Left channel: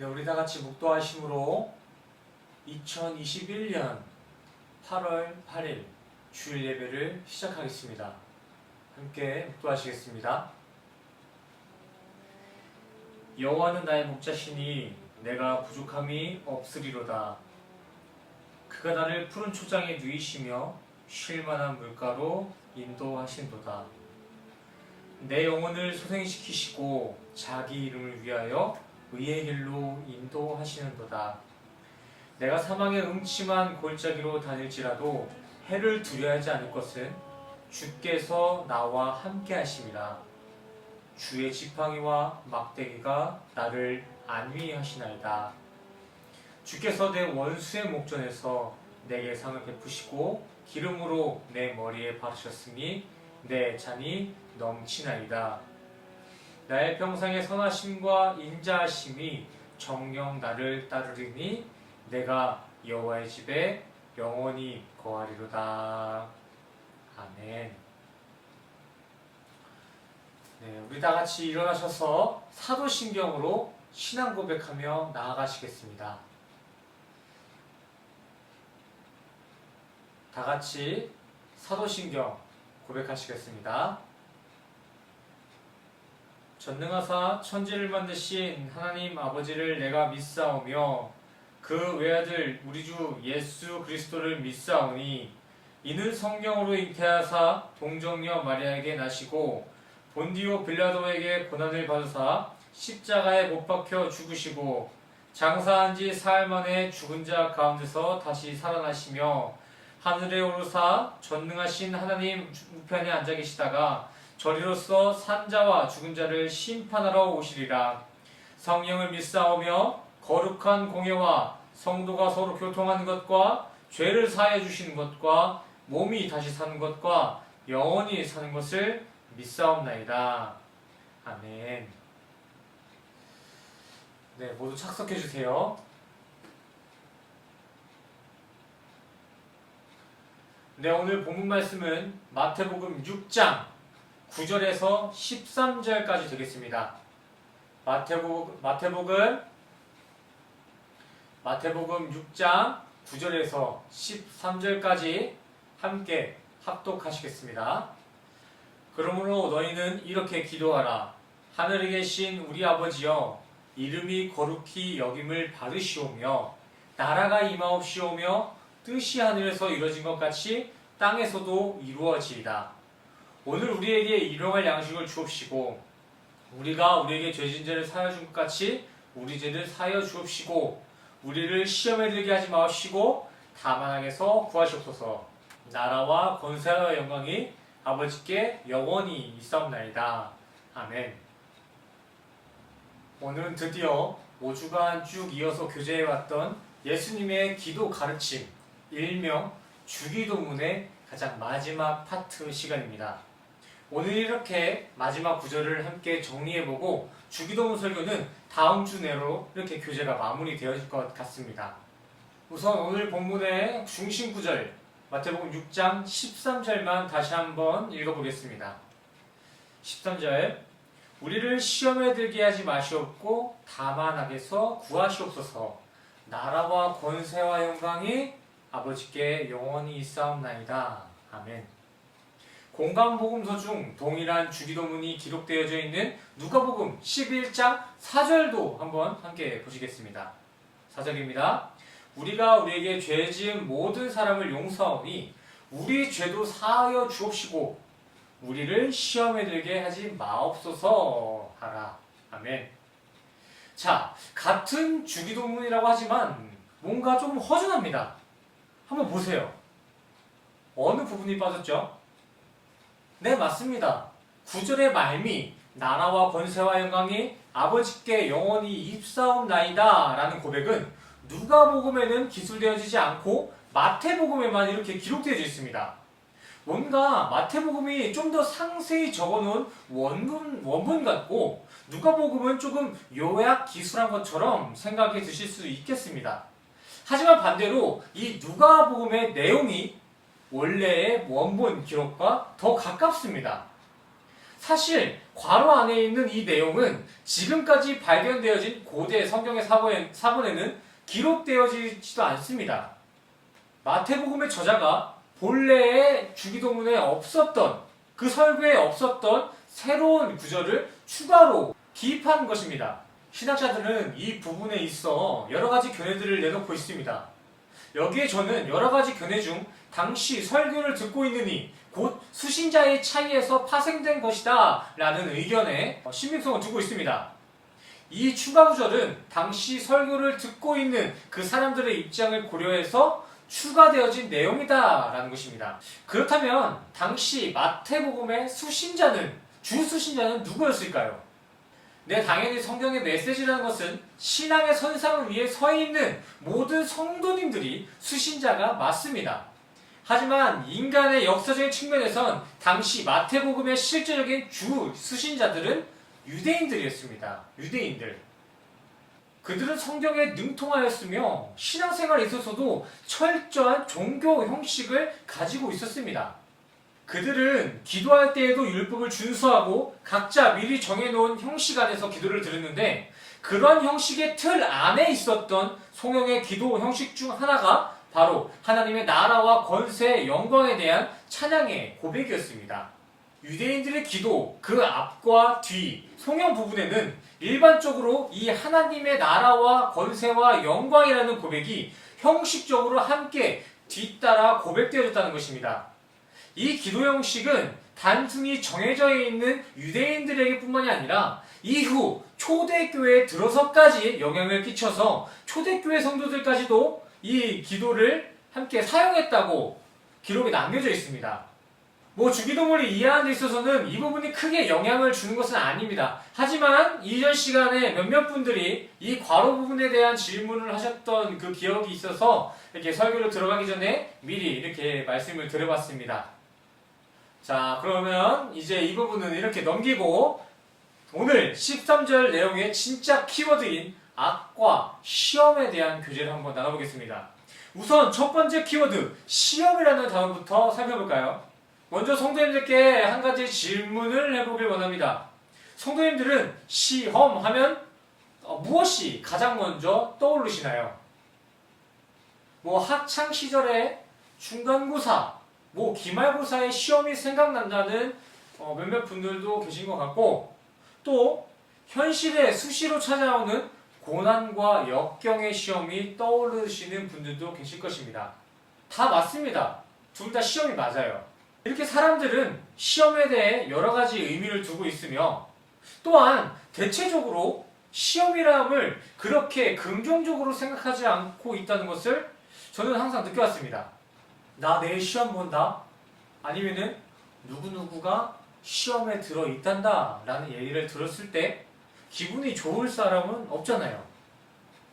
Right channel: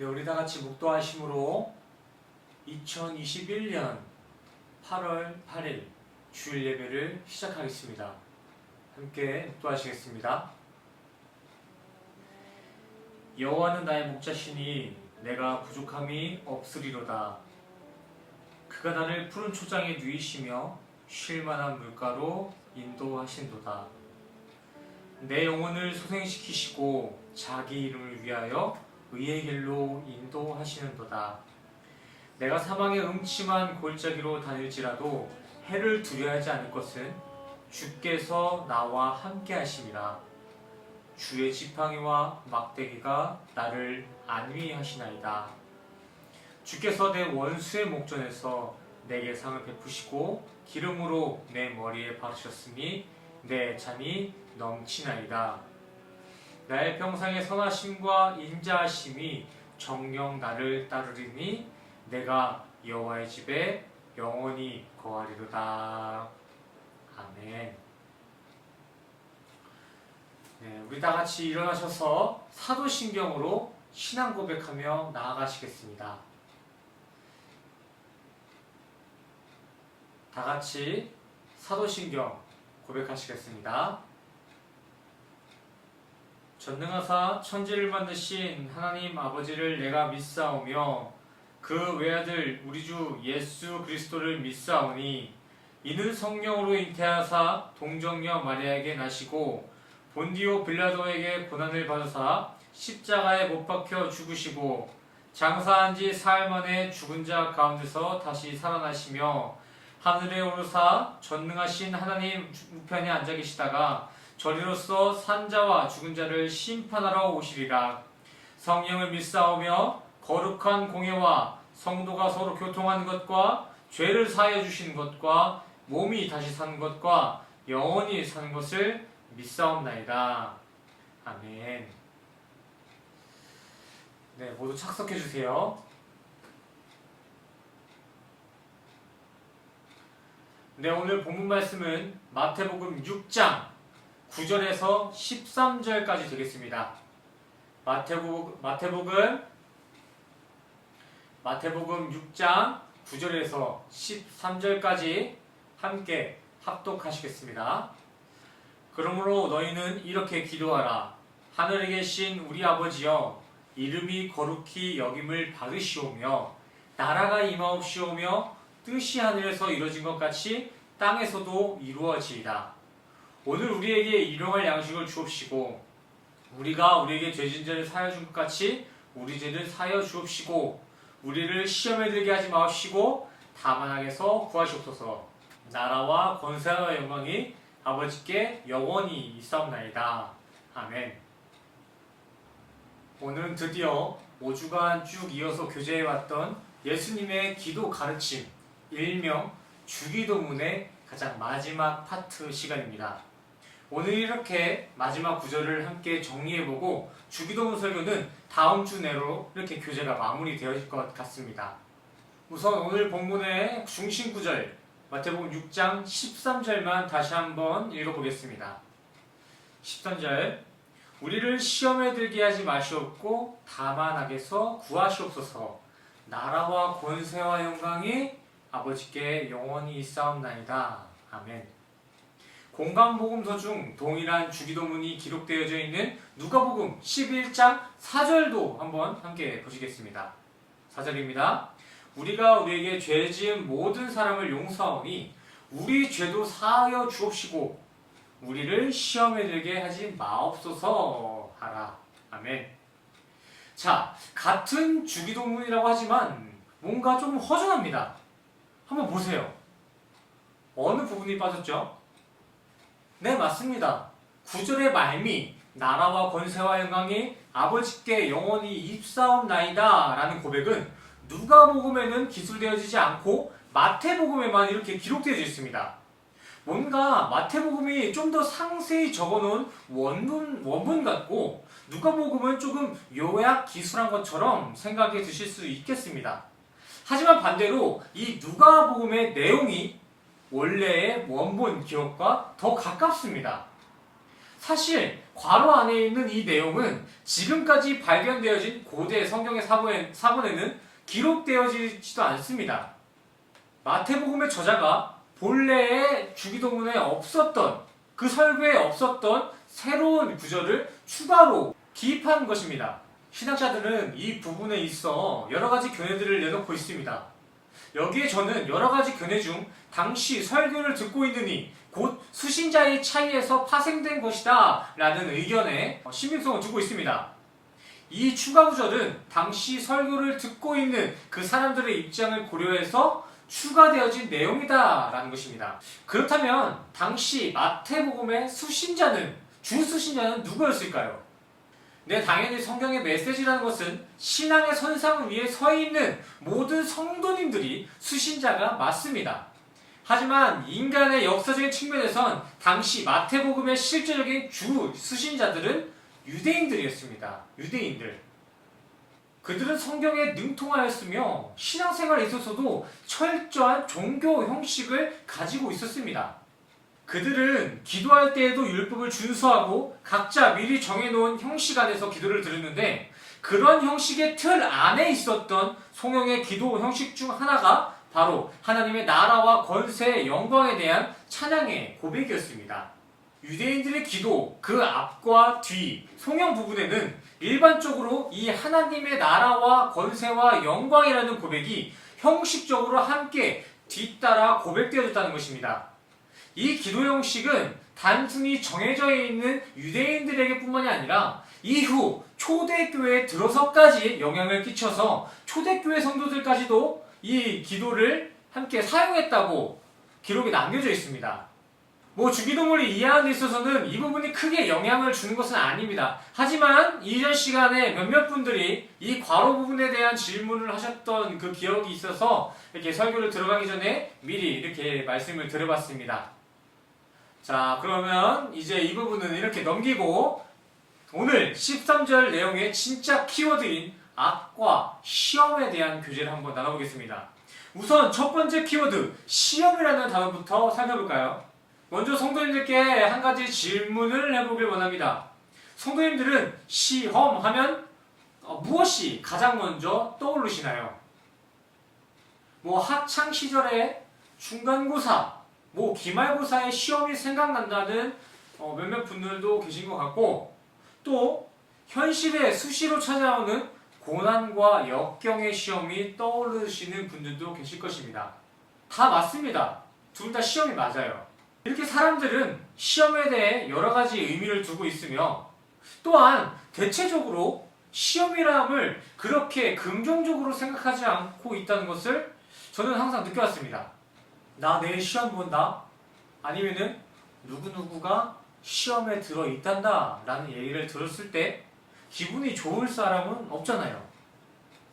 네, 우리 다 같이 묵도하심으로 2021년 8월 8일 주일 예배를 시작하겠습니다. 함께 묵도하시겠습니다. 여호와는 나의 목자시니 내가 부족함이 없으리로다. 그가 나를 푸른 초장에 누이시며 쉴만한 물가로 인도하신도다. 내 영혼을 소생시키시고 자기 이름을 위하여 의의 길로 인도하시는도다. 내가 사망의 음침한 골짜기로 다닐지라도 해를 두려워하지 않을 것은 주께서 나와 함께 하심이라. 주의 지팡이와 막대기가 나를 안위하시나이다. 주께서 내 원수의 목전에서 내게 상을 베푸시고 기름으로 내 머리에 바르셨으니 내 잔이 넘치나이다. 나의 평상의 선하심과 인자하심이 정녕 나를 따르리니 내가 여호와의 집에 영원히 거하리로다. 아멘. 네, 우리 다 같이 일어나셔서 사도신경으로 신앙 고백하며 나아가시겠습니다. 다 같이 사도신경 고백하시겠습니다. 전능하사 천지를 만드신 하나님 아버지를 내가 믿사오며 그 외아들 우리 주 예수 그리스도를 믿사오니 이는 성령으로 잉태하사 동정녀 마리아에게 나시고 본디오 빌라도에게 고난을 받으사 십자가에 못 박혀 죽으시고 장사한 지 사흘 만에 죽은 자 가운데서 다시 살아나시며 하늘에 오르사 전능하신 하나님 우편에 앉아 계시다가 저리로서 산자와 죽은 자를 심판하러 오시리라. 성령을 믿사오며 거룩한 공예와 성도가 서로 교통하는 것과 죄를 사하여 주시는 것과 몸이 다시 사는 것과 영원히 사는 것을 믿사옵나이다. 아멘. 네, 모두 착석해 주세요. 네, 오늘 본문 말씀은 마태복음 6장 9절에서 13절까지 되겠습니다. 마태복음 6장 9절에서 13절까지 함께 합독하시겠습니다. 그러므로 너희는 이렇게 기도하라. 하늘에 계신 우리 아버지여, 이름이 거룩히 여김을 받으시오며 나라가 임하옵시오며 뜻이 하늘에서 이루어진 것 같이 땅에서도 이루어지이다. 오늘 우리에게 일용할 양식을 주옵시고 우리가 우리에게 죄진 자를 사하여 준 것 같이 우리 죄를 사하여 주옵시고 우리를 시험에 들게 하지 마옵시고 다만 악에서 구하시옵소서. 나라와 권세와 영광이 아버지께 영원히 있사옵나이다. 아멘. 오늘은 드디어 5주간 쭉 이어서 교제해왔던 예수님의 기도 가르침, 일명 주기도문의 가장 마지막 파트 시간입니다. 오늘 이렇게 마지막 구절을 함께 정리해보고 주기도문 설교는 다음 주 내로 이렇게 교제가 마무리되어질 것 같습니다. 우선 오늘 본문의 중심 구절 마태복음 6장 13절만 다시 한번 읽어보겠습니다. 13절 우리를 시험에 들게 하지 마시옵고 다만 악에서 구하시옵소서. 나라와 권세와 영광이 아버지께 영원히 있사옵나이다. 아멘. 공간복음서 중 동일한 주기도문이 기록되어져 있는 누가복음 11장 4절도 한번 함께 보시겠습니다. 4절입니다. 우리가 우리에게 죄 지은 모든 사람을 용서하오니 우리 죄도 사하여 주옵시고 우리를 시험에 들게 하지 마옵소서 하라. 아멘. 자, 같은 주기도문이라고 하지만 뭔가 좀 허전합니다. 한번 보세요. 어느 부분이 빠졌죠? 네, 맞습니다. 9절의 말미 나라와 권세와 영광이 아버지께 영원히 입사옵나이다 라는 고백은 누가복음에는 기술되어지지 않고 마태복음에만 이렇게 기록되어져 있습니다. 뭔가 마태복음이 좀 더 상세히 적어놓은 원문 같고 누가복음은 조금 요약 기술한 것처럼 생각해 드실 수 있겠습니다. 하지만 반대로 이 누가복음의 내용이 원래의 원본 기록과 더 가깝습니다. 사실 괄호 안에 있는 이 내용은 지금까지 발견되어진 고대 성경의 사본에는 기록되어지지도 않습니다. 마태복음의 저자가 본래의 주기도문에 없었던, 그 설교에 없었던 새로운 구절을 추가로 기입한 것입니다. 신학자들은 이 부분에 있어 여러 가지 견해들을 내놓고 있습니다. 여기에 저는 여러 가지 견해 중 당시 설교를 듣고 있느니 곧 수신자의 차이에서 파생된 것이다 라는 의견에 신빙성을 두고 있습니다. 이 추가 구절은 당시 설교를 듣고 있는 그 사람들의 입장을 고려해서 추가되어진 내용이다 라는 것입니다. 그렇다면 당시 마태복음의 주 수신자는 누구였을까요? 네, 당연히 성경의 메시지라는 것은 신앙의 선상을 위해 서 있는 모든 성도님들이 수신자가 맞습니다. 하지만 인간의 역사적인 측면에선 당시 마태복음의 실제적인 주 수신자들은 유대인들이었습니다. 유대인들. 그들은 성경에 능통하였으며 신앙생활에 있어서도 철저한 종교 형식을 가지고 있었습니다. 그들은 기도할 때에도 율법을 준수하고 각자 미리 정해놓은 형식 안에서 기도를 드렸는데, 그런 형식의 틀 안에 있었던 성경의 기도 형식 중 하나가 바로 하나님의 나라와 권세의 영광에 대한 찬양의 고백이었습니다. 유대인들의 기도 그 앞과 뒤 성경 부분에는 일반적으로 이 하나님의 나라와 권세와 영광이라는 고백이 형식적으로 함께 뒤따라 고백되어졌다는 것입니다. 이 기도 형식은 단순히 정해져 있는 유대인들에게 뿐만이 아니라 이후 초대교회에 들어서까지 영향을 끼쳐서 초대교회 성도들까지도 이 기도를 함께 사용했다고 기록이 남겨져 있습니다. 주기도문을 이해하는 데 있어서는 이 부분이 크게 영향을 주는 것은 아닙니다. 하지만 이전 시간에 몇몇 분들이 이 괄호 부분에 대한 질문을 하셨던 그 기억이 있어서 이렇게 설교를 들어가기 전에 미리 이렇게 말씀을 드려봤습니다. 자, 그러면 이제 이 부분은 이렇게 넘기고 오늘 13절 내용의 진짜 키워드인 악과 시험에 대한 교재를 한번 나눠보겠습니다. 우선 첫 번째 키워드 시험이라는 단어부터 살펴볼까요? 먼저 성도님들께 한 가지 질문을 해보길 원합니다. 성도님들은 시험하면 무엇이 가장 먼저 떠오르시나요? 학창 시절에 중간고사, 기말고사의 시험이 생각난다는 몇몇 분들도 계신 것 같고, 또 현실에 수시로 찾아오는 고난과 역경의 시험이 떠오르시는 분들도 계실 것입니다. 다 맞습니다. 둘 다 시험이 맞아요. 이렇게 사람들은 시험에 대해 여러 가지 의미를 두고 있으며, 또한 대체적으로 시험이람을 그렇게 긍정적으로 생각하지 않고 있다는 것을 저는 항상 느껴왔습니다. 나 내일 시험 본다? 아니면은 누구누구가 시험에 들어 있단다 라는 얘기를 들었을 때 기분이 좋을 사람은 없잖아요.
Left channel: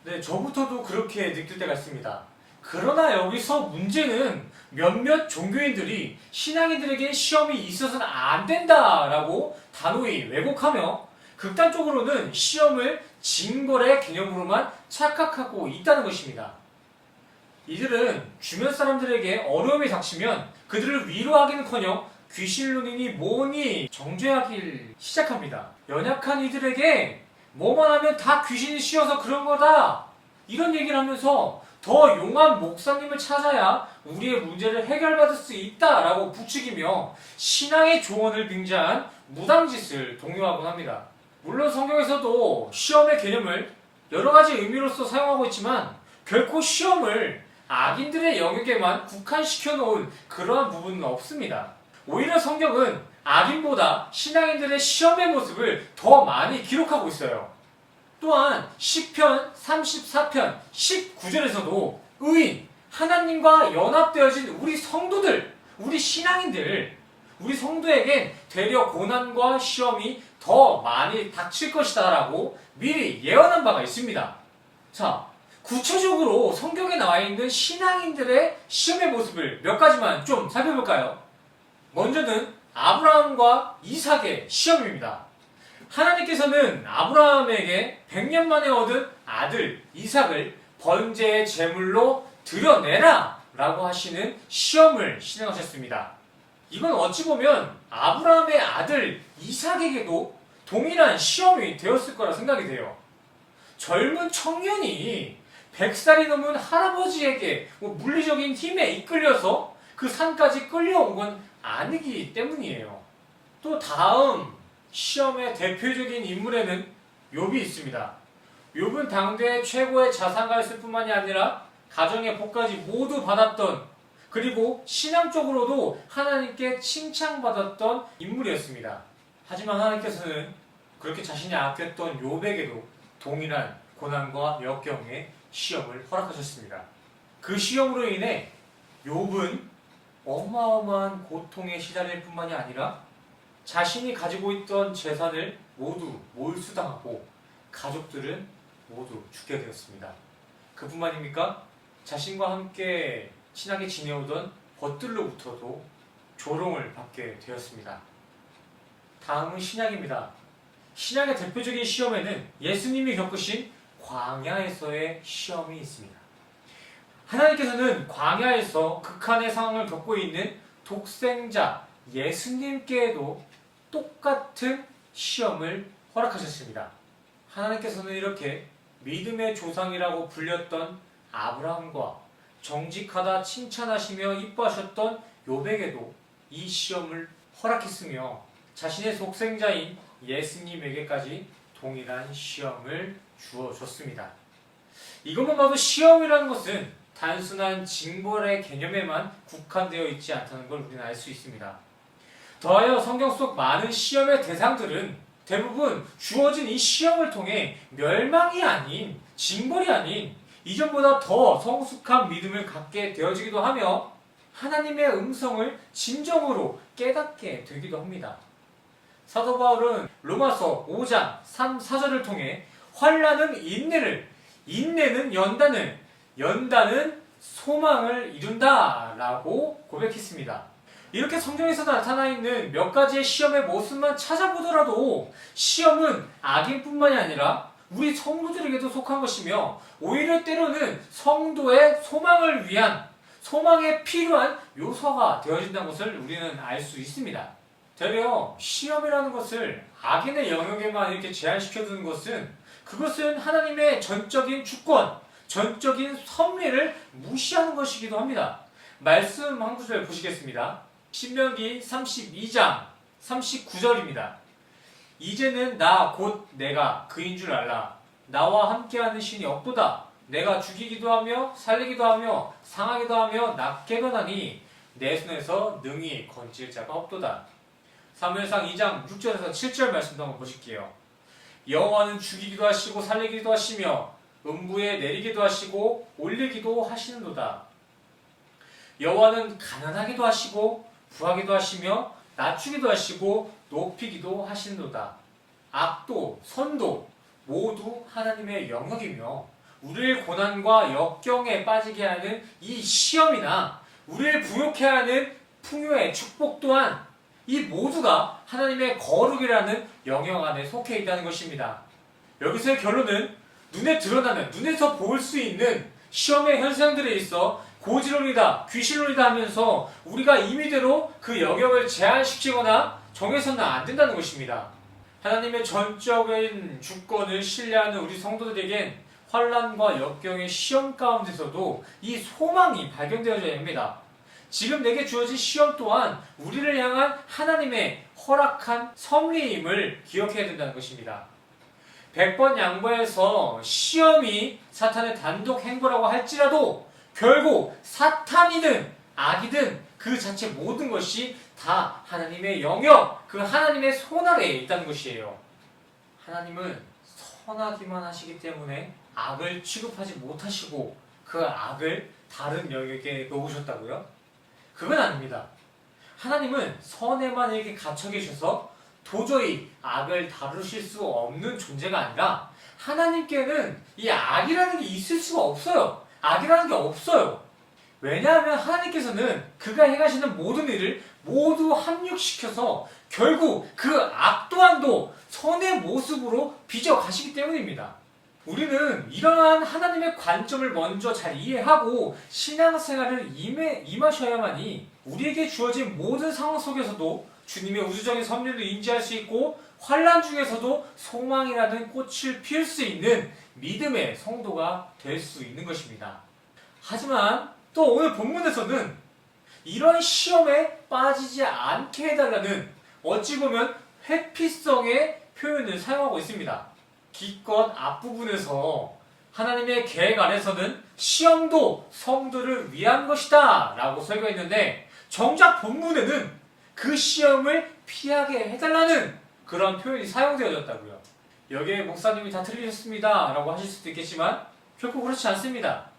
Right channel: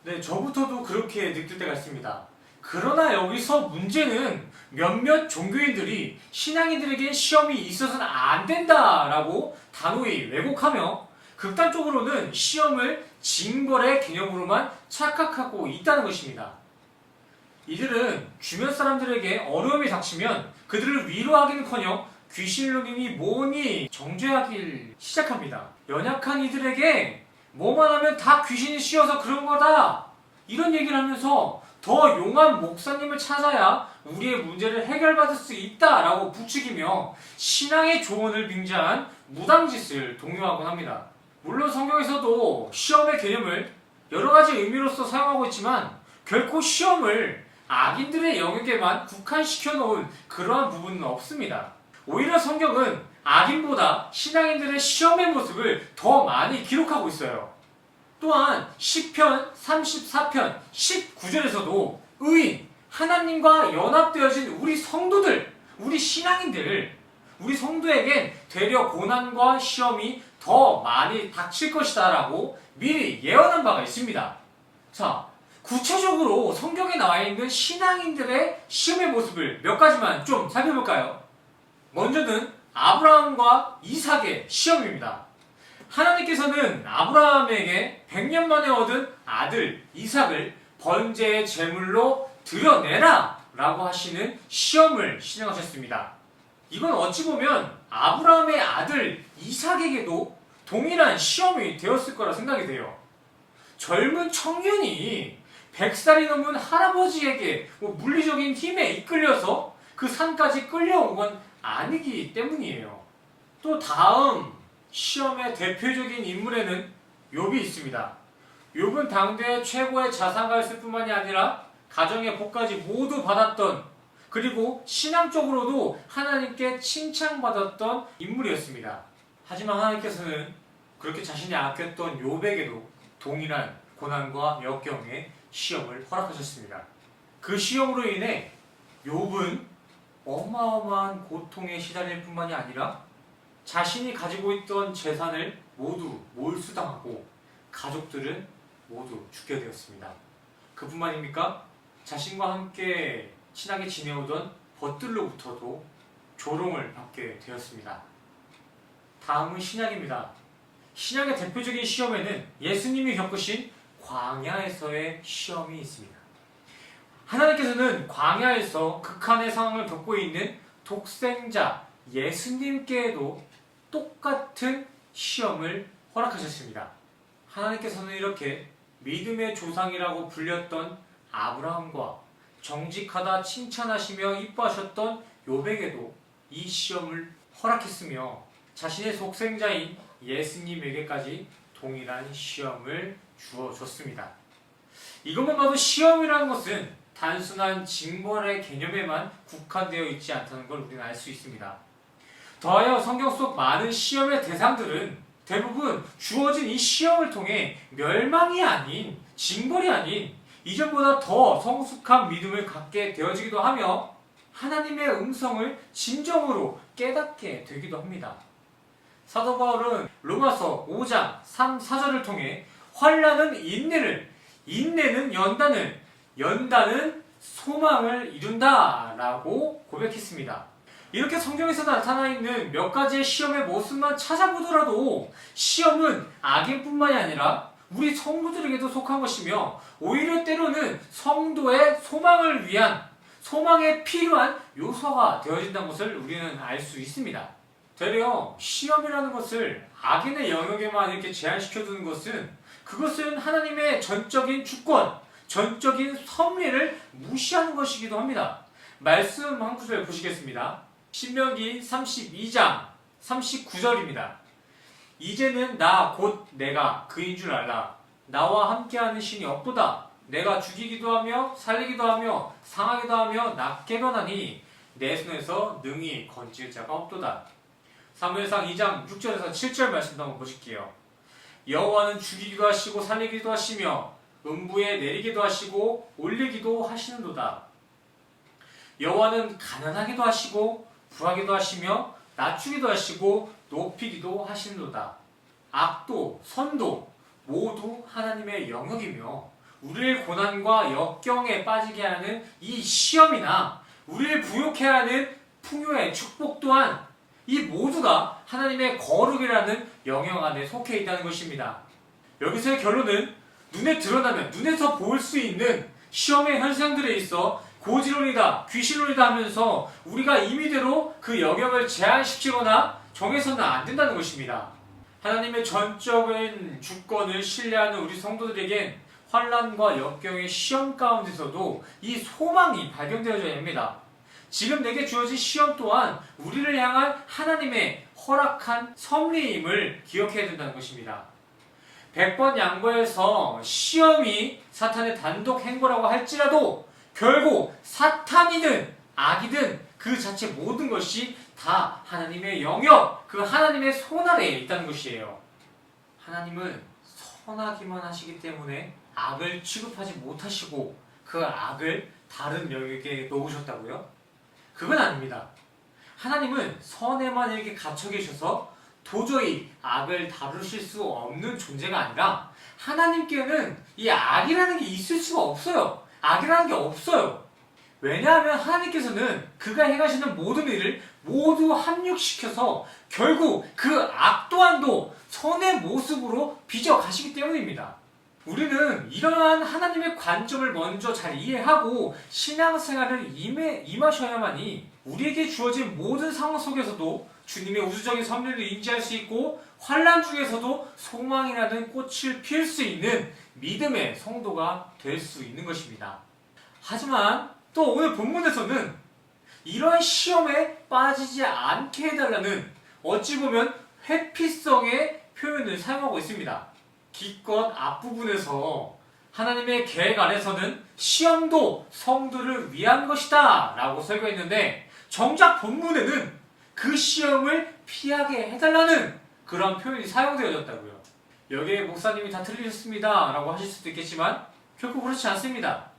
네, 저부터도 그렇게 느낄 때가 있습니다. 그러나 여기서 문제는 몇몇 종교인들이 신앙인들에게 시험이 있어서는 안 된다라고 단호히 왜곡하며 극단적으로는 시험을 징벌의 개념으로만 착각하고 있다는 것입니다. 이들은 주변 사람들에게 어려움이 닥치면 그들을 위로하기는커녕 귀신론이니 뭐니 정죄하기 시작합니다. 연약한 이들에게 뭐만 하면 다 귀신이 씌어서 그런 거다, 이런 얘기를 하면서 더 용한 목사님을 찾아야 우리의 문제를 해결받을 수 있다라고 부추기며 신앙의 조언을 빙자한 무당짓을 독려하곤 합니다. 물론 성경에서도 시험의 개념을 여러 가지 의미로서 사용하고 있지만 결코 시험을 악인들의 영역에만 국한시켜 놓은 그러한 부분은 없습니다. 오히려 성경은 악인보다 신앙인들의 시험의 모습을 더 많이 기록하고 있어요. 또한 시편 34편 19절에서도 의인, 하나님과 연합되어진 우리 성도들, 우리 신앙인들, 우리 성도에겐 되려 고난과 시험이 더 많이 닥칠 것이다 라고 미리 예언한 바가 있습니다. 자, 구체적으로 성경에 나와 있는 신앙인들의 시험의 모습을 몇 가지만 좀 살펴볼까요? 먼저는 아브라함과 이삭의 시험입니다. 하나님께서는 아브라함에게 100년 만에 얻은 아들 이삭을 번제의 제물로 드려내라 라고 하시는 시험을 시행하셨습니다. 이건 어찌 보면 아브라함의 아들 이삭에게도 동일한 시험이 되었을 거라 생각이 돼요. 젊은 청년이 100살이 넘은 할아버지에게 물리적인 힘에 이끌려서 그 산까지 끌려온 건 아니기 때문이에요. 또 다음 시험의 대표적인 인물에는 욥이 있습니다. 욥은 당대 최고의 자산가였을 뿐만이 아니라 가정의 복까지 모두 받았던, 그리고 신앙적으로도 하나님께 칭찬받았던 인물이었습니다. 하지만 하나님께서는 그렇게 자신이 아꼈던 욥에게도 동일한 고난과 역경의 시험을 허락하셨습니다. 그 시험으로 인해 욥은 어마어마한 고통에 시달릴 뿐만이 아니라 자신이 가지고 있던 재산을 모두 몰수당하고 가족들은 모두 죽게 되었습니다. 그뿐만입니까? 자신과 함께 친하게 지내오던 벗들로부터도 조롱을 받게 되었습니다. 다음은 신약입니다. 신약의 대표적인 시험에는 예수님이 겪으신 광야에서의 시험이 있습니다. 하나님께서는 광야에서 극한의 상황을 겪고 있는 독생자 예수님께도 똑같은 시험을 허락하셨습니다. 하나님께서는 이렇게 믿음의 조상이라고 불렸던 아브라함과 정직하다 칭찬하시며 이뻐하셨던 욥에게도 이 시험을 허락했으며 자신의 독생자인 예수님에게까지 동일한 시험을 주어줬습니다. 이것만 봐도 시험이라는 것은 단순한 징벌의 개념에만 국한되어 있지 않다는 걸 우리는 알 수 있습니다. 더하여 성경 속 많은 시험의 대상들은 대부분 주어진 이 시험을 통해 멸망이 아닌, 징벌이 아닌 이전보다 더 성숙한 믿음을 갖게 되어지기도 하며 하나님의 음성을 진정으로 깨닫게 되기도 합니다. 사도 바울은 로마서 5장 3, 4절을 통해 환난은 인내를, 인내는 연단을, 연단은 소망을 이룬다 라고 고백했습니다. 이렇게 성경에서 나타나 있는 몇 가지의 시험의 모습만 찾아보더라도 시험은 악인뿐만이 아니라 우리 성도들에게도 속한 것이며 오히려 때로는 성도의 소망을 위한, 소망에 필요한 요소가 되어진다는 것을 우리는 알 수 있습니다. 되려 시험이라는 것을 악인의 영역에만 이렇게 제한시켜두는 것은 그것은 하나님의 전적인 주권, 전적인 섭리를 무시하는 것이기도 합니다. 말씀 한 구절 보시겠습니다. 신명기 32장 39절입니다. 이제는 나 곧 내가 그인 줄 알라. 나와 함께하는 신이 없도다. 내가 죽이기도 하며 살리기도 하며 상하기도 하며 낫게도 하니 내 손에서 능히 건질 자가 없도다. 사무엘상 2장 6절에서 7절 말씀도 한번 보실게요. 여호와는 죽이기도 하시고 살리기도 하시며 음부에 내리기도 하시고 올리기도 하시는도다. 여호와는 가난하기도 하시고 부하기도 하시며 낮추기도 하시고 높이기도 하시는도다. 악도 선도 모두 하나님의 영역이며 우리를 고난과 역경에 빠지게 하는 이 시험이나 우리를 부욕해 하는 풍요의 축복 또한 이 모두가 하나님의 거룩이라는 영역 안에 속해 있다는 것입니다. 여기서의 결론은 눈에 드러나는, 눈에서 볼 수 있는 시험의 현상들에 있어 고지론이다, 귀신론이다 하면서 우리가 임의대로 그 영역을 제한시키거나 정해서는 안 된다는 것입니다. 하나님의 전적인 주권을 신뢰하는 우리 성도들에겐 환난과 역경의 시험 가운데서도 이 소망이 발견되어져야 합니다. 지금 내게 주어진 시험 또한 우리를 향한 하나님의 허락한 섭리임을 기억해야 된다는 것입니다. 100번 양보해서 시험이 사탄의 단독 행보라고 할지라도 결국 사탄이든 악이든 그 자체 모든 것이 다 하나님의 영역, 그 하나님의 손 아래에 있다는 것이에요. 하나님은 선하기만 하시기 때문에 악을 취급하지 못하시고 그 악을 다른 영역에 놓으셨다고요? 그건 아닙니다. 하나님은 선에만 이렇게 갇혀 계셔서 도저히 악을 다루실 수 없는 존재가 아니라 하나님께는 이 악이라는 게 있을 수가 없어요. 악이라는 게 없어요. 왜냐하면 하나님께서는 그가 행하시는 모든 일을 모두 합육시켜서 결국 그 악 또한도 선의 모습으로 빚어가시기 때문입니다. 우리는 이러한 하나님의 관점을 먼저 잘 이해하고 신앙생활을 임하셔야만이 우리에게 주어진 모든 상황 속에서도 주님의 우주적인 섭리를 인지할 수 있고 환난 중에서도 소망이라는 꽃을 피울 수 있는 믿음의 성도가 될 수 있는 것입니다. 하지만 또 오늘 본문에서는 이러한 시험에 빠지지 않게 해달라는 어찌 보면 회피성의 표현을 사용하고 있습니다. 기껏 앞부분에서 하나님의 계획 안에서는 시험도 성도를 위한 것이다 라고 설교했는데 정작 본문에는 그 시험을 피하게 해달라는 그런 표현이 사용되어졌다고요. 여기에 목사님이 다 틀리셨습니다 라고 하실 수도 있겠지만 결코 그렇지 않습니다.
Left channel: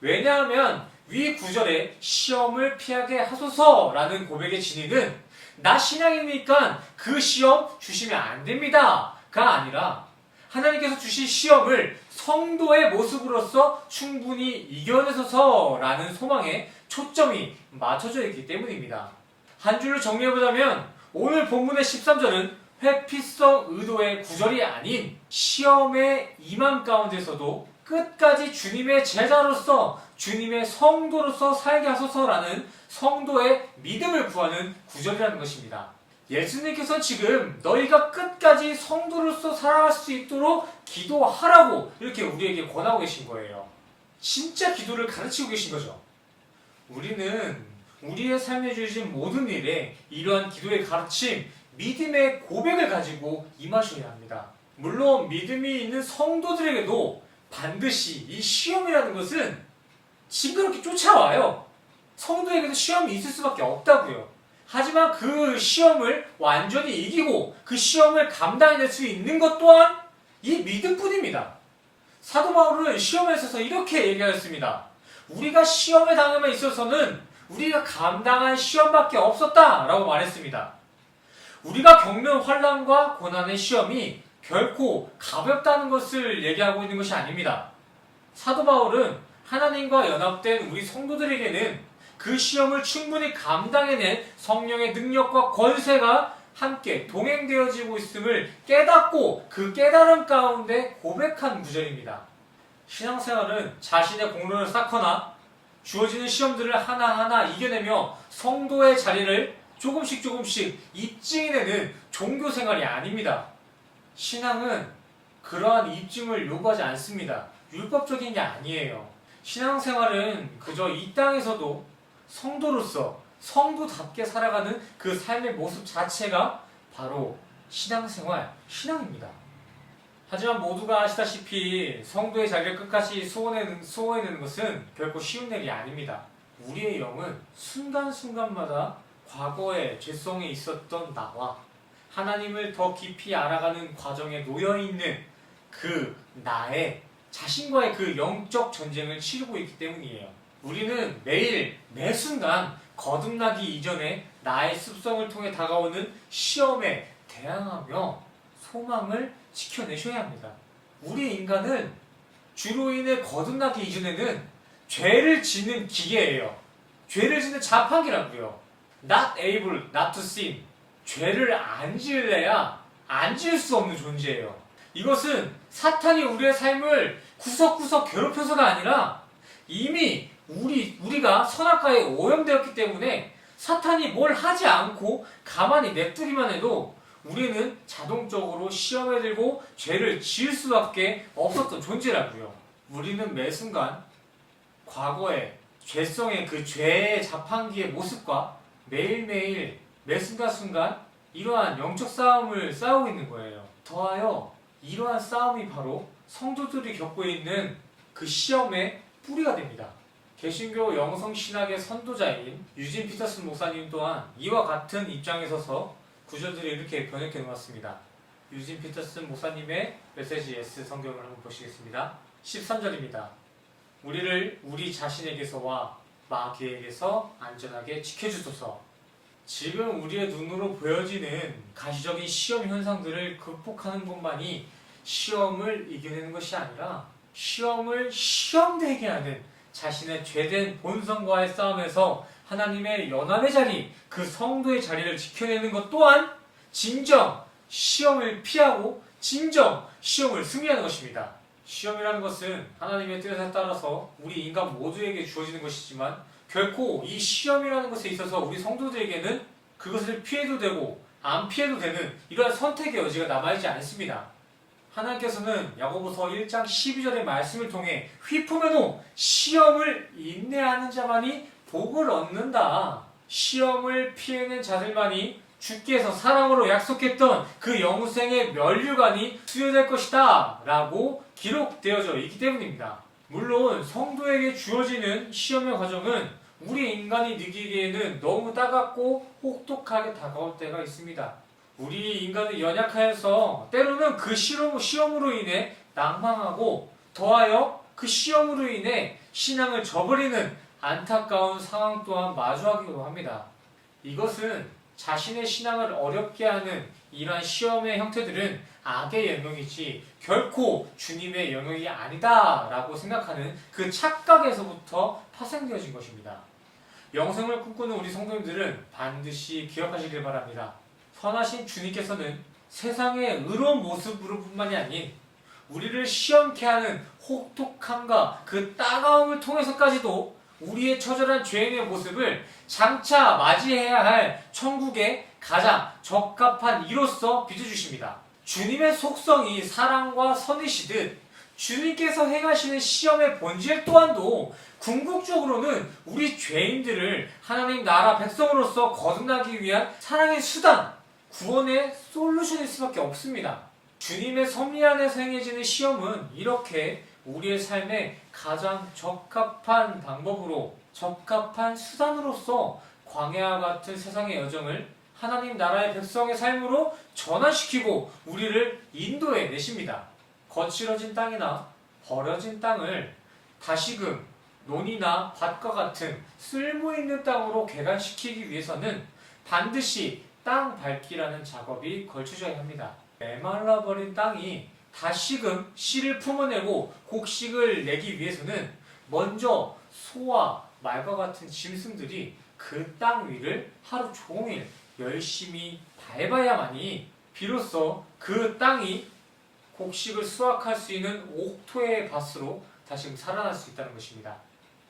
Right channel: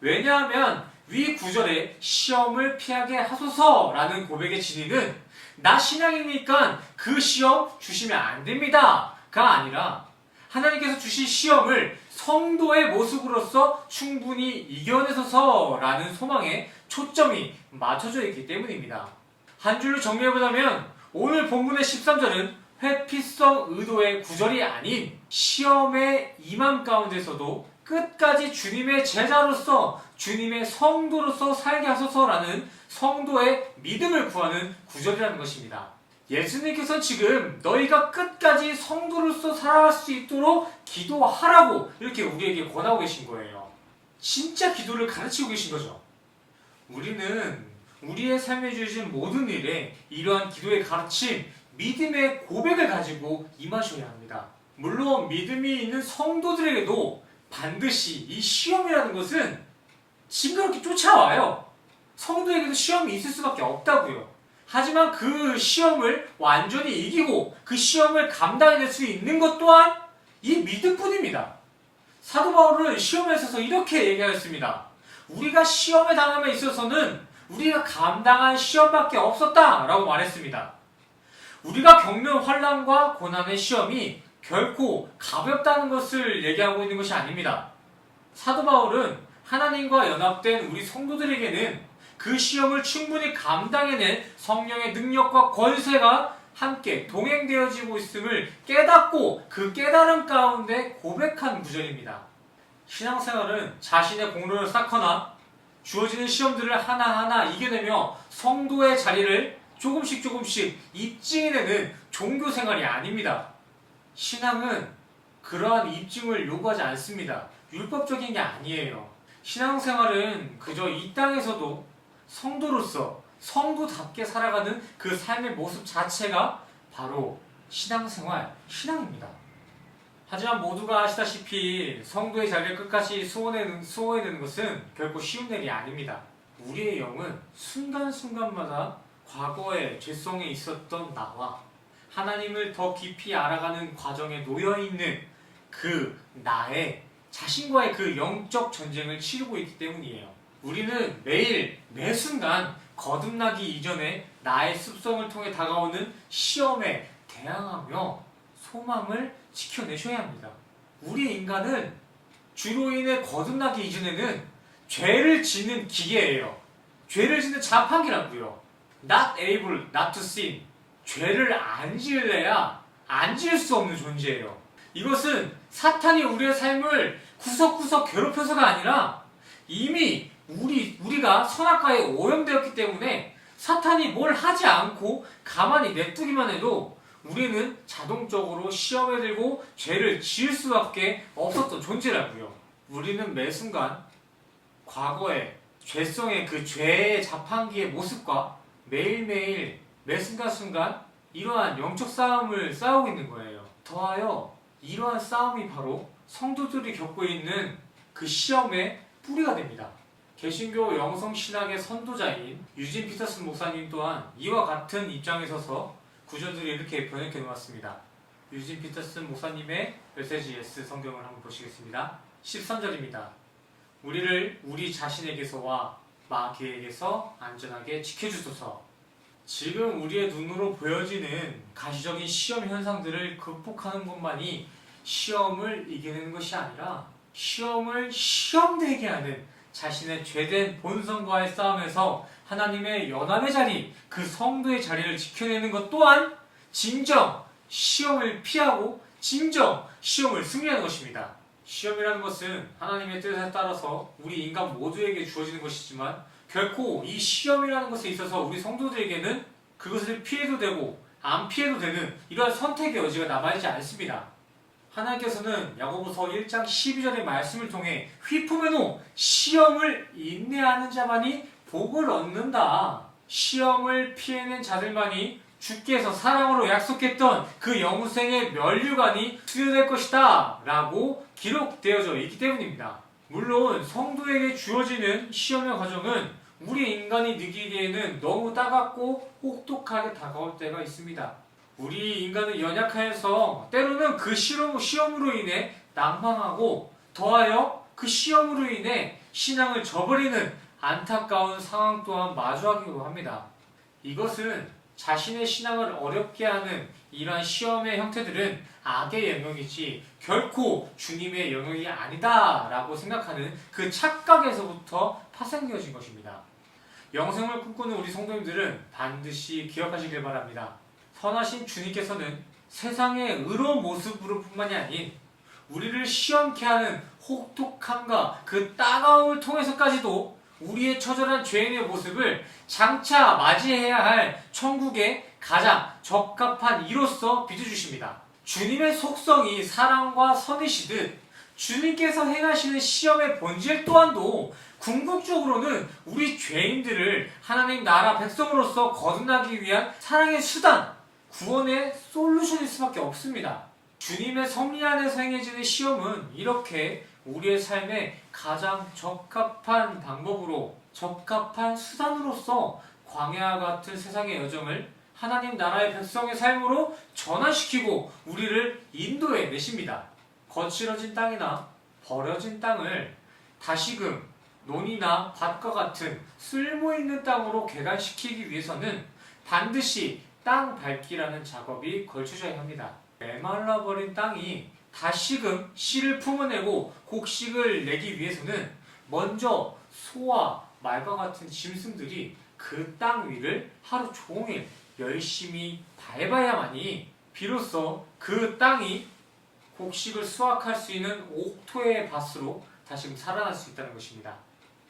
왜냐하면 위 구절에 시험을 피하게 하소서라는 고백의 진의는 나 신앙이니까 그 시험 주시면 안 됩니다 가 아니라 하나님께서 주신 시험을 성도의 모습으로서 충분히 이겨내소서라는 소망에 초점이 맞춰져 있기 때문입니다. 한 줄로 정리해보자면 오늘 본문의 13절은 회피성 의도의 구절이 아닌 시험의 임함 가운데서도 끝까지 주님의 제자로서 주님의 성도로서 살게 하소서라는 성도의 믿음을 구하는 구절이라는 것입니다. 예수님께서 지금 너희가 끝까지 성도로서 살아갈 수 있도록 기도하라고 이렇게 우리에게 권하고 계신 거예요. 진짜 기도를 가르치고 계신 거죠. 우리는 우리의 삶에 주어진 모든 일에 이러한 기도의 가르침, 믿음의 고백을 가지고 임하셔야 합니다. 물론 믿음이 있는 성도들에게도 반드시 이 시험이라는 것은 징그럽게 쫓아와요. 성도에게도 시험이 있을 수밖에 없다고요. 하지만 그 시험을 완전히 이기고 그 시험을 감당해낼 수 있는 것 또한 이 믿음뿐입니다. 사도 바울은 시험에 있어서 이렇게 얘기하였습니다. 우리가 시험에 당함에 있어서는 우리가 감당할 시험밖에 없었다라고 말했습니다. 우리가 겪는 환난과 고난의 시험이 결코 가볍다는 것을 얘기하고 있는 것이 아닙니다. 사도 바울은 하나님과 연합된 우리 성도들에게는 그 시험을 충분히 감당해낸 성령의 능력과 권세가 함께 동행되어지고 있음을 깨닫고 그 깨달음 가운데 고백한 구절입니다. 신앙생활은 자신의 공로를 쌓거나 주어지는 시험들을 하나하나 이겨내며 성도의 자리를 조금씩 입증해내는 종교생활이 아닙니다. 신앙은 그러한 입증을 요구하지 않습니다. 율법적인 게 아니에요. 신앙생활은 그저 이 땅에서도 성도로서 성도답게 살아가는 그 삶의 모습 자체가 바로 신앙생활, 신앙입니다. 하지만 모두가 아시다시피 성도의 자리를 끝까지 수호해내는 것은 결코 쉬운 일이 아닙니다. 우리의 영은 순간순간마다 과거의 죄성에 있었던 나와 하나님을 더 깊이 알아가는 과정에 놓여있는 그 나의 자신과의 그 영적 전쟁을 치르고 있기 때문이에요. 우리는 매일 매순간 거듭나기 이전에 나의 습성을 통해 다가오는 시험에 대항하며 소망을 지켜내셔야 합니다. 우리 인간은 주로 인해 거듭나기 이전에는 죄를 짓는 기계예요. 죄를 짓는 자판기라고요. Not able not to sin. 죄를 안 지을래야 안 지을 수 없는 존재예요. 이것은 사탄이 우리의 삶을 구석구석 괴롭혀서가 아니라 이미 우리가 선악과에 오염되었기 때문에 사탄이 뭘 하지 않고 가만히 냅두기만 해도 우리는 자동적으로 시험에 들고 죄를 지을 수밖에 없었던 존재라고요. 우리는 매 순간 과거의 죄성의 그 죄의 자판기의 모습과 매일매일 매 순간순간 이러한 영적 싸움을 싸우고 있는 거예요. 더하여 이러한 싸움이 바로 성도들이 겪고 있는 그 시험의 뿌리가 됩니다. 개신교 영성신학의 선도자인 유진 피터슨 목사님 또한 이와 같은 입장에 서서 구절들을 이렇게 번역해 놓았습니다. 유진 피터슨 목사님의 메시지 S 성경을 한번 보시겠습니다. 13절입니다. 우리를 우리 자신에게서와 마귀에게서 안전하게 지켜주소서. 지금 우리의 눈으로 보여지는 가시적인 시험 현상들을 극복하는 것만이 시험을 이겨내는 것이 아니라 시험을 시험되게 하는 자신의 죄된 본성과의 싸움에서 하나님의 연합의 자리, 그 성도의 자리를 지켜내는 것 또한 진정 시험을 피하고 진정 시험을 승리하는 것입니다. 시험이라는 것은 하나님의 뜻에 따라서 우리 인간 모두에게 주어지는 것이지만 결코 이 시험이라는 것에 있어서 우리 성도들에게는 그것을 피해도 되고 안 피해도 되는 이러한 선택의 여지가 남아있지 않습니다. 하나님께서는 야고보서 1장 12절의 말씀을 통해 휘품에노 시험을 인내하는 자만이 복을 얻는다. 시험을 피해낸 자들만이 주께서 사랑으로 약속했던 그 영생의 면류관이 수여될 것이다 라고 기록되어져 있기 때문입니다. 물론 성도에게 주어지는 시험의 과정은 우리 인간이 느끼기에는 너무 따갑고 혹독하게 다가올 때가 있습니다. 우리 인간은 연약하여서 때로는 그 시험으로 인해 낭망하고 더하여 그 시험으로 인해 신앙을 저버리는 안타까운 상황 또한 마주하기도 합니다. 이것은 자신의 신앙을 어렵게 하는 이러한 시험의 형태들은 악의 영역이지 결코 주님의 영역이 아니다 라고 생각하는 그 착각에서부터 파생되어진 것입니다. 영생을 꿈꾸는 우리 성도님들은 반드시 기억하시길 바랍니다. 선하신 주님께서는 세상의 의로운 모습으로 뿐만이 아닌 우리를 시험케 하는 혹독함과 그 따가움을 통해서까지도 우리의 처절한 죄인의 모습을 장차 맞이해야 할 천국의 가장 적합한 이로서 빚어주십니다. 주님의 속성이 사랑과 선이시듯 주님께서 행하시는 시험의 본질 또한도 궁극적으로는 우리 죄인들을 하나님 나라 백성으로서 거듭나기 위한 사랑의 수단, 구원의 솔루션일 수밖에 없습니다. 주님의 섭리 안에서 행해지는 시험은 이렇게 우리의 삶에 가장 적합한 방법으로, 적합한 수단으로서 광야와 같은 세상의 여정을 하나님 나라의 백성의 삶으로 전환시키고 우리를 인도해 내십니다. 거칠어진 땅이나 버려진 땅을 다시금 논이나 밭과 같은 쓸모있는 땅으로 개간시키기 위해서는 반드시 땅 밟기라는 작업이 걸쳐져야 합니다. 메말라버린 땅이 다시금 씨를 품어내고 곡식을 내기 위해서는 먼저 소와 말과 같은 짐승들이 그 땅 위를 하루 종일 열심히 밟아야만이 비로소 그 땅이 곡식을 수확할 수 있는 옥토의 밭으로 다시금 살아날 수 있다는 것입니다.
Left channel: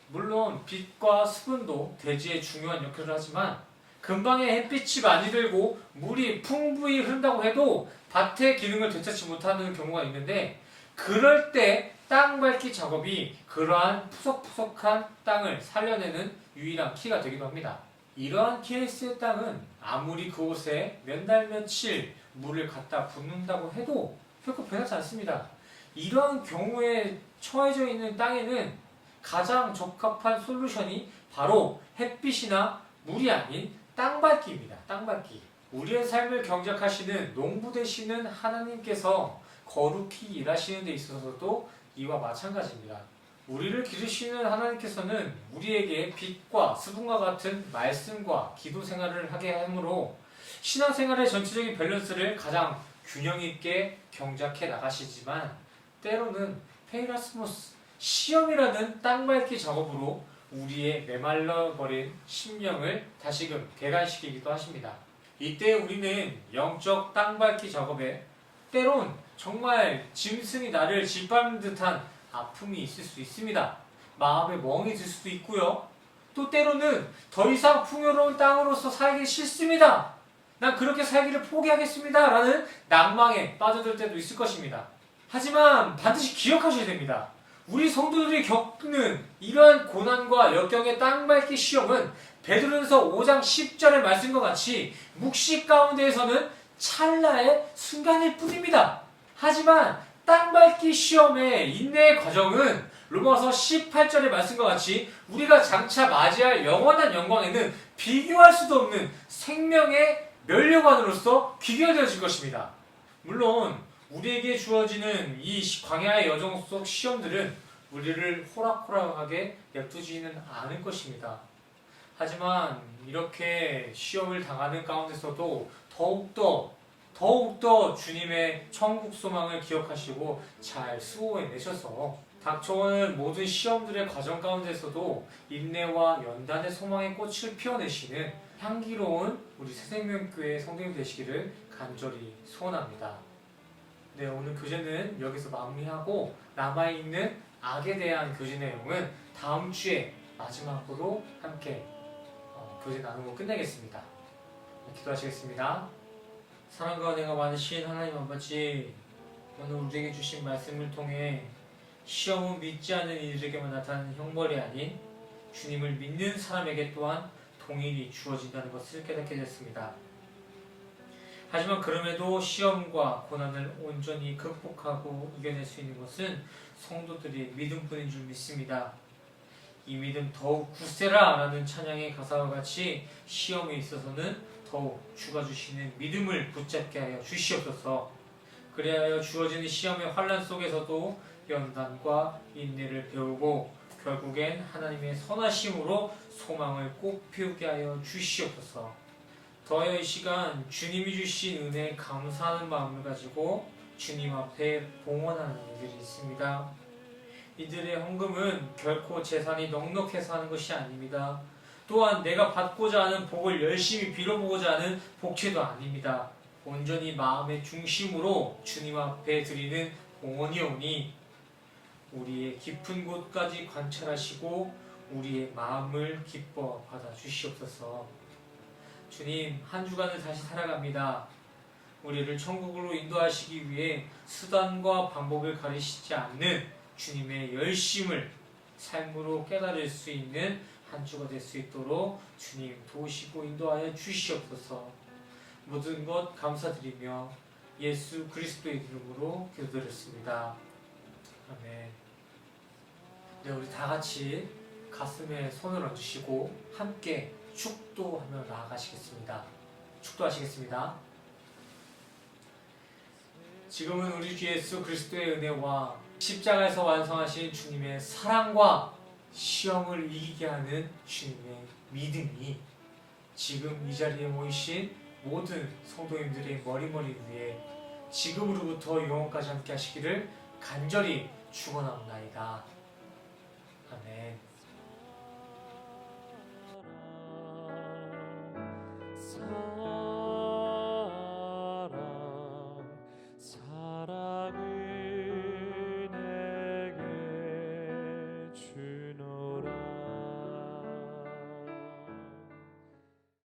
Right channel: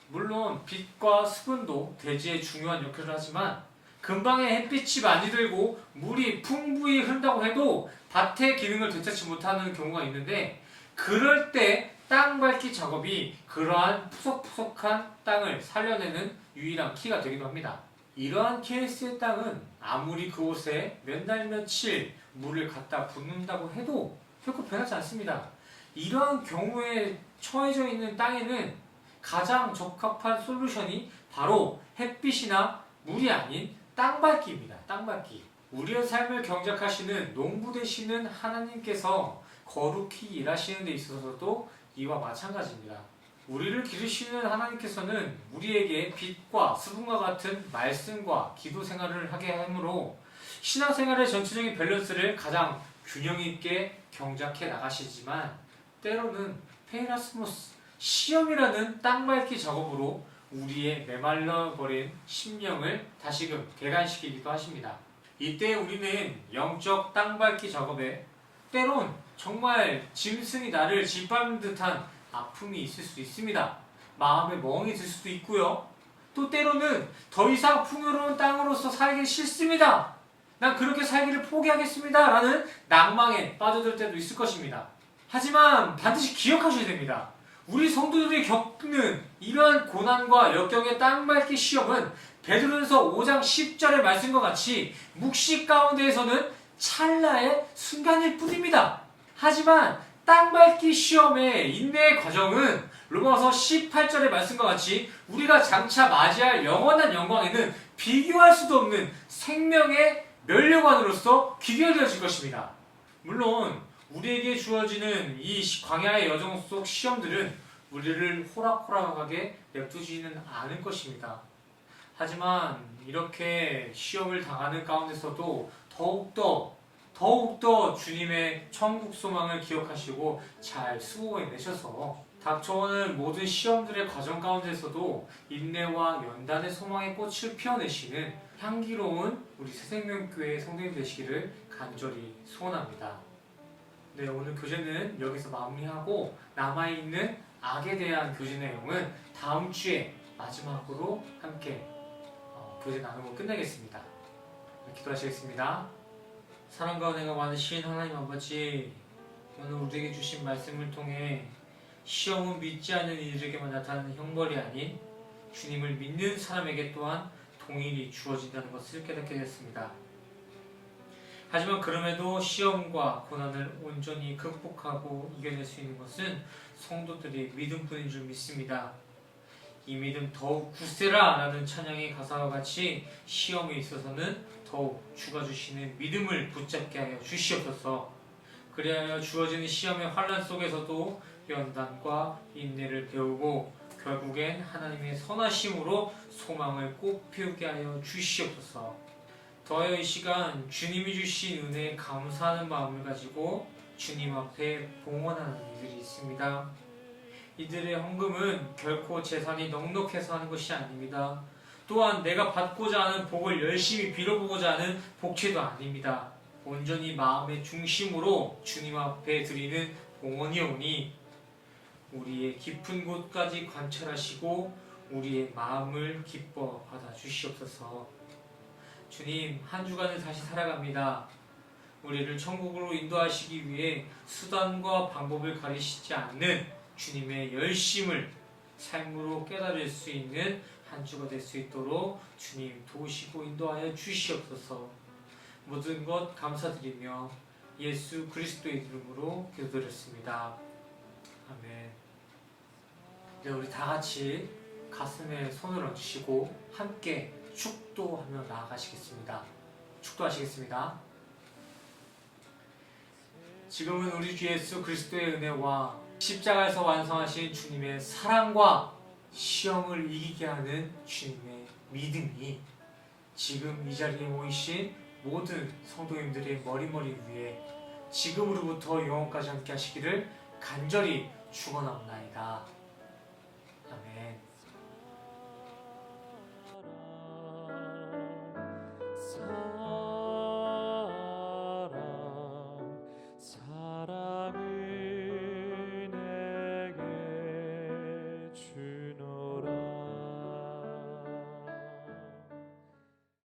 물론 빛과 수분도 대지에 중요한 역할을 하지만 근방에 햇빛이 많이 들고 물이 풍부히 흐른다고 해도 밭의 기능을 되찾지 못하는 경우가 있는데 그럴 때 땅 밟기 작업이 그러한 푸석푸석한 땅을 살려내는 유일한 키가 되기도 합니다. 이러한 케이스의 땅은 아무리 그곳에 몇 날 며칠 물을 갖다 붓는다고 해도 결코 변하지 않습니다. 이러한 경우에 처해져 있는 땅에는 가장 적합한 솔루션이 바로 햇빛이나 물이 아닌 땅밟기입니다. 땅밟기. 우리의 삶을 경작하시는 농부 되시는 하나님께서 거룩히 일하시는 데 있어서도 이와 마찬가지입니다. 우리를 기르시는 하나님께서는 우리에게 빛과 수분과 같은 말씀과 기도 생활을 하게 하므로 신앙생활의 전체적인 밸런스를 가장 균형 있게 경작해 나가시지만 때로는 페이라스모스 시험이라는 땅밟기 작업으로 우리의 메말라버린 심령을 다시금 개간시키기도 하십니다. 이때 우리는 영적 땅밟기 작업에 때론 정말 짐승이 나를 짓밟는 듯한 아픔이 있을 수 있습니다. 마음에 멍이 들 수도 있고요. 또 때로는 더 이상 풍요로운 땅으로서 살기 싫습니다. 난 그렇게 살기를 포기하겠습니다. 라는 낭망에 빠져들 때도 있을 것입니다. 하지만 반드시 기억하셔야 됩니다. 우리 성도들이 겪는 이러한 고난과 역경의 땅밟기 시험은 베드로전서 5장 10절의 말씀과 같이 묵시 가운데에서는 찰나의 순간일 뿐입니다. 하지만 땅밟기 시험의 인내의 과정은 로마서 18절의 말씀과 같이 우리가 장차 맞이할 영원한 영광에는 비교할 수도 없는 생명의 면류관으로서 귀결되어질 것입니다. 물론 우리에게 주어지는 이 광야의 여정 속 시험들은 우리를 호락호락하게 냅두지는 않을 것입니다. 하지만 이렇게 시험을 당하는 가운데서도 더욱더 주님의 천국 소망을 기억하시고 잘 수호해내셔서 닥쳐오는 모든 시험들의 과정 가운데서도 인내와 연단의 소망의 꽃을 피워내시는 향기로운 우리 새생명교회 성도님 되시기를 간절히 소원합니다. 네, 오늘 교재는 여기서 마무리하고 남아있는 악에 대한 교재 내용은 다음 주에 마지막으로 함께 교재 나누고 끝내겠습니다. 기도하시겠습니다. 사랑과 은혜가 많으신 하나님 아버지, 오늘 우리에게 주신 말씀을 통해 시험은 믿지 않는 이들에게만 나타나는 형벌이 아닌 주님을 믿는 사람에게 또한 동일이 주어진다는 것을 깨닫게 됐습니다. 하지만 그럼에도 시험과 고난을 온전히 극복하고 이겨낼 수 있는 것은 성도들의 믿음뿐인 줄 믿습니다. 이 믿음 더욱 굳세라 라는 찬양의 가사와 같이 시험에 있어서는 더욱 주가 주시는 믿음을 붙잡게 하여 주시옵소서. 그리하여 주어지는 시험의 환난 속에서도 연단과 인내를 배우고 결국엔 하나님의 선하심으로 소망을 꽃피우게 하여 주시옵소서. 더하여 이 시간 주님이 주신 은혜에 감사하는 마음을 가지고 주님 앞에 봉헌하는 이들이 있습니다. 이들의 헌금은 결코 재산이 넉넉해서 하는 것이 아닙니다. 또한 내가 받고자 하는 복을 열심히 빌어보고자 하는 복채도 아닙니다. 온전히 마음의 중심으로 주님 앞에 드리는 봉헌이오니 우리의 깊은 곳까지 관찰하시고 우리의 마음을 기뻐 받아 주시옵소서. 주님, 한 주간을 다시 살아갑니다. 우리를 천국으로 인도하시기 위해 수단과 방법을 가리시지 않는 주님의 열심을 삶으로 깨달을 수 있는 한 주가 될 수 있도록 주님 도우시고 인도하여 주시옵소서. 모든 것 감사드리며 예수 그리스도의 이름으로 기도드렸습니다. 아멘. 네, 우리 다 같이 가슴에 손을 얹으시고 함께 축도하며 나아가시겠습니다. 축도하시겠습니다. 지금은 우리 주 예수 그리스도의 은혜와 십자가에서 완성하신 주님의 사랑과 시험을 이기게 하는 주님의 믿음이 지금 이 자리에 모이신 모든 성도님들의 머리머리 위에 지금으로부터 영원까지 함께 하시기를 간절히 축원하옵나이다. 아멘.